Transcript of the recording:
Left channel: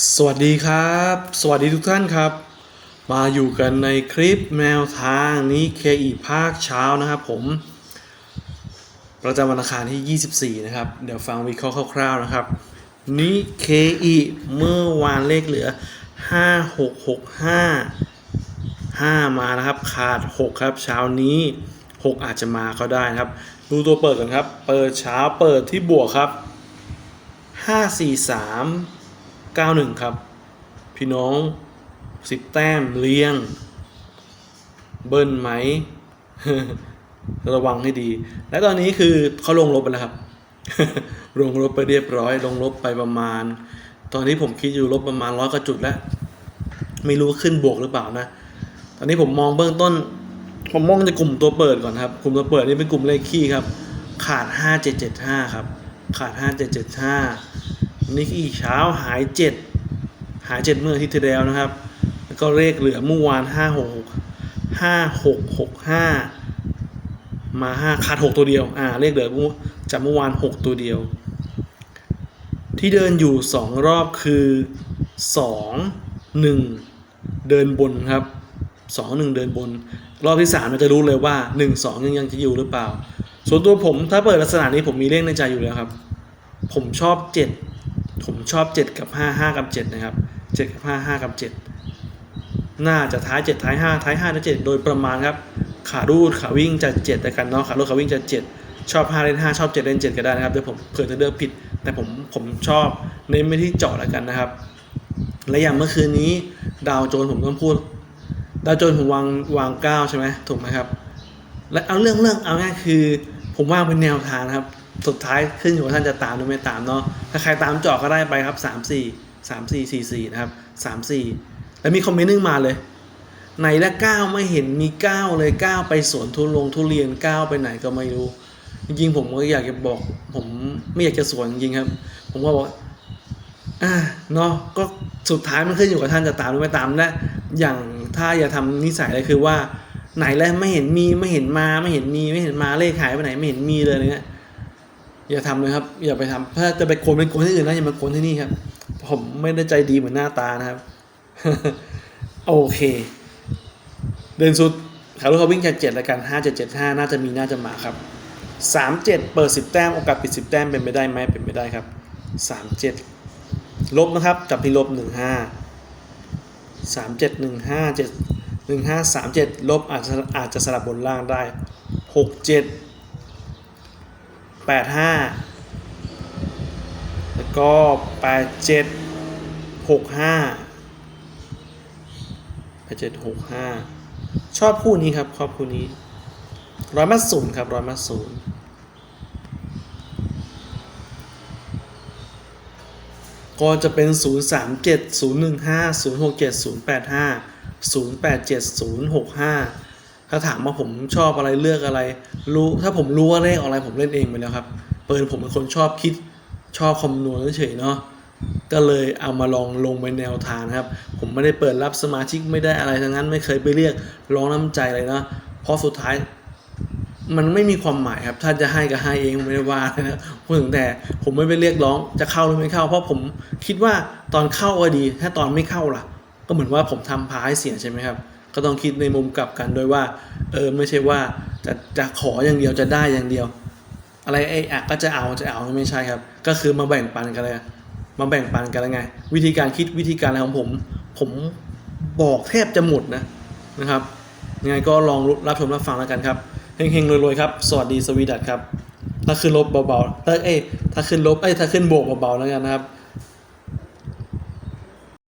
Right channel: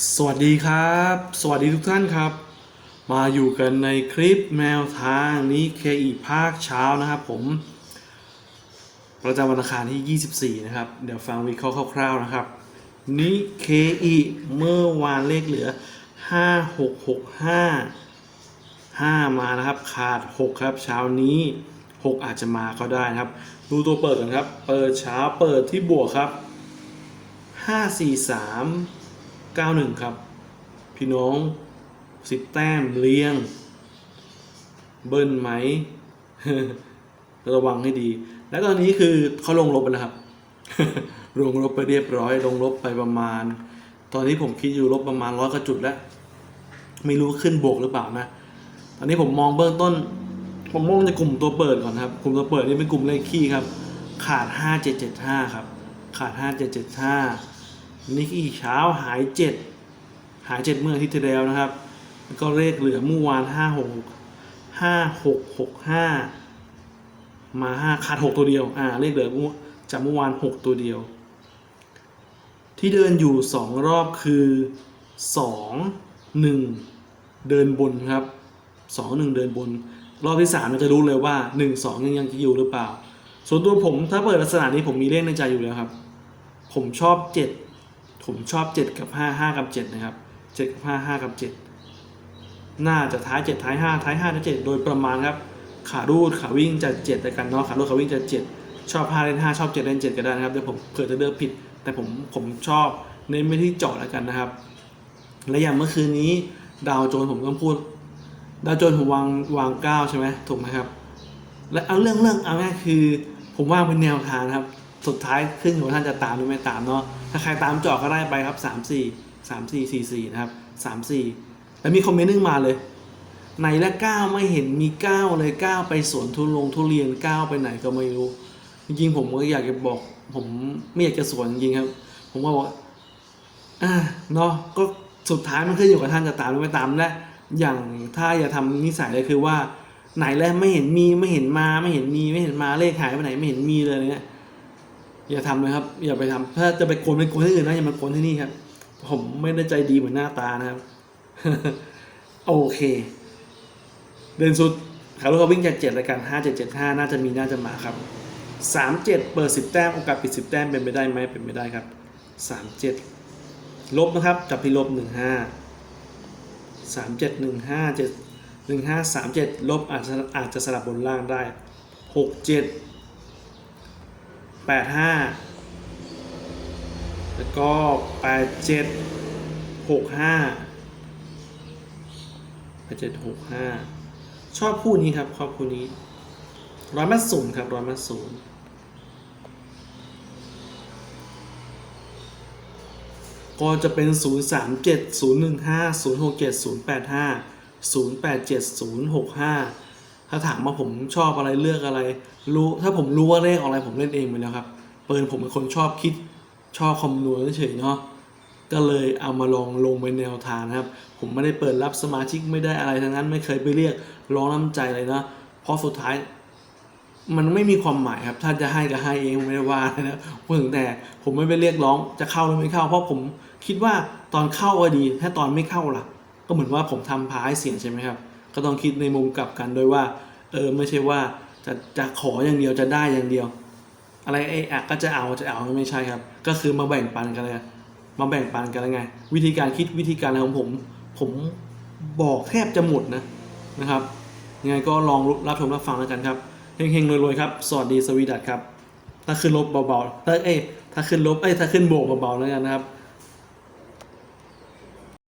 สวัสดีครับ สวัสดีทุกท่านครับ มาอยู่กันในคลิปแนวทางนี้เคอีภาคเช้านะครับผม ประจำวันอังคารที่ 24 นะครับ เดี๋ยวฟังวิเคราะห์คร่าวๆนะครับ นี้เคอีเมื่อวานเลขเหลือ 5 6 6 5 5 มานะครับ ขาด 6 ครับเช้านี้ 6 อาจจะมาก็ได้นะครับ ดูตัวเปิดกันครับ เปิดเช้าเปิดที่บวกครับ 5 4 3 91 ครับ พี่น้องสิบแต้มเลี้ยง เบิ้ลไหม ระวังให้ดี และตอนนี้คือเขาลงลบไปแล้วครับ ลงลบไปเรียบร้อย ลงลบไปประมาณ ตอนนี้ผมคิดอยู่ลบประมาณร้อยกว่าจุดแล้ว ไม่รู้ว่าขึ้นบวกหรือเปล่านะ ตอนนี้ผมมองเบื้องต้น ผมมองในกลุ่มตัวเปิดก่อนครับ กลุ่มตัวเปิดนี่เป็นกลุ่มเลขคี่ครับ ขาด 5775 ครับ ขาด 5775 นี่อีกเช้าหาย7หาย7เมื่ออาทิตย์ที่แล้วนะครับ แล้วก็เลขเหลือเมื่อวาน56 5665มา5ขาด6ตัวเดียว อ่า เลขเหลือจากเมื่อวาน6ตัวเดียว ที่เดินอยู่2รอบคือ2 1เดินบนครับ2 1เดินบน รอบที่3เราจะรู้เลยว่า1 2ยังยังจะอยู่หรือเปล่า ส่วนตัวผมถ้าเปิดลักษณะนี้ผมมีเลขในใจอยู่แล้วครับ ผมชอบ7 ผมชอบ 7 กับ 5 5 กับ 7 นะครับ 7 กับ 5 5 กับ 7 น่าจะท้าย 7 ท้าย 5 ท้าย5ท้าย7โดยประมาณครับ ขารูดขาวิ่งจะ7แต่กันเนาะ ขารูดขาวิ่งจะ 7 ชอบ 5 เล่น 5 ชอบ 7 เล่น 7 ก็ได้นะครับ เดี๋ยวผมเผื่อจะเลือกผิด แต่ผมผมชอบเน้นไปที่เจาะแล้วกันนะครับ และอย่างเมื่อคืนนี้ดาวโจนส์ผมก็พูด ดาวโจนผมวางวางเก้าใช่ไหมถูกไหมครับ และเอาเรื่องเรื่องเอาง่ายคือ ผมว่างเป็นแนวทางนะครับ สุดท้ายขึ้นอยู่กับท่านจะตามหรือไม่ตามเนาะถ้าใครตามเจาะก็ได้ไปครับสามสี่สามสี่สี่สี่นะครับสามสี่แล้วมีคอมเมนต์นึงมาเลยไหนละเก้าไม่เห็นมีเก้าเลยเก้าไปสวนทุลงทุเรียนเก้าไปไหนก็ไม่รู้ จริงๆผมก็อยากจะบอก ผมไม่อยากจะสวนจริงครับ ผมก็บอกอ่าเนาะก็สุดท้ายมันขึ้นอยู่กับท่านจะตามหรือไม่ตามและอย่างถ้าอย่าทำนิสัยเลยคือว่า ไหนแล้วไม่เห็นมีไม่เห็นมาไม่เห็นมีไม่เห็นมาเลขหายไปไหนไม่เห็นมีเลยอะไรเงี้ย อย่าทำเลยครับ อย่าไปทำถ้าจะไปโกนเป็นโกนที่อื่นนะอย่ามาโกนที่นี่ครับ ผมไม่ได้ใจดีเหมือนหน้าตานะครับ โอเค เดินสุดขาลูกเขาวิ่งจากเจ็ดแล้วกันห้าเจ็ดเจ็ดห้าน่าจะมีน่าจะมาครับสามเจ็ดเปิดสิบแต้มโอกาสปิดสิบแต้มเป็นไปได้ไหมเป็นไปได้ครับสามเจ็ดลบนะครับจับที่ลบหนึ่งห้าสามเจ็ดหนึ่งห้าเจ็ดหนึ่งห้าสามเจ็ดลบอาจจะอาจจะสลับบนล่างได้หกเจ็ด แปดห้าแล้วก็แปดเจ็ดหกห้าแปดเจ็ดหกห้าชอบคู่นี้ครับชอบคู่นี้ร้อยมัดศูนย์ครับร้อยมัดศูนย์ก็จะเป็น 0 3 7 0 1 5 0 6 7 0 8 5 0 8 7 0 6 5 ถ้าถามว่าผมชอบอะไรเลือกอะไร รู้ถ้าผมรู้ว่าเลขอะไรผมเล่นเองไปแล้วครับเปิดผมเป็นคนชอบคิดชอบคำนวณเฉยเนาะก็เลยเอามาลองลงไปแนวทางนะครับ ผมไม่ได้เปิดรับสมาชิกไม่ได้อะไรทั้งนั้นไม่เคยไปเรียกร้องน้ำใจเลยนะเพราะสุดท้ายมันไม่มีความหมายครับ ถ้าจะให้ก็ให้เองไม่ได้ว่านะพูดถึงแต่ผมไม่ไปเรียกร้องจะเข้าหรือไม่เข้า เพราะผมคิดว่าตอนเข้าก็ดี ถ้าตอนไม่เข้าล่ะ ก็เหมือนว่าผมทำพาให้เสียใช่ไหมครับ ก็ต้องคิดในมุมกลับกันโดยว่าเออไม่ใช่ว่าจะจะขออย่างเดียวจะได้อย่างเดียว อะไรไอ้อะก็จะเอาจะเอาไม่ใช่ครับ ก็คือมาแบ่งปันกันเลยมาแบ่งปันกันแล้วไง วิธีการคิดวิธีการอะไรของผม ผมบอกแทบจะหมดนะนะครับยังไงก็ลองรับชมรับฟังแล้วกันครับเฮงๆรวยๆครับ สวัสดีสวีดัตครับ ถ้าขึ้นลบเบาๆถ้าเอ้ถ้าขึ้นลบเอ้ถ้าขึ้นบวกเบาๆแล้วกันนะครับ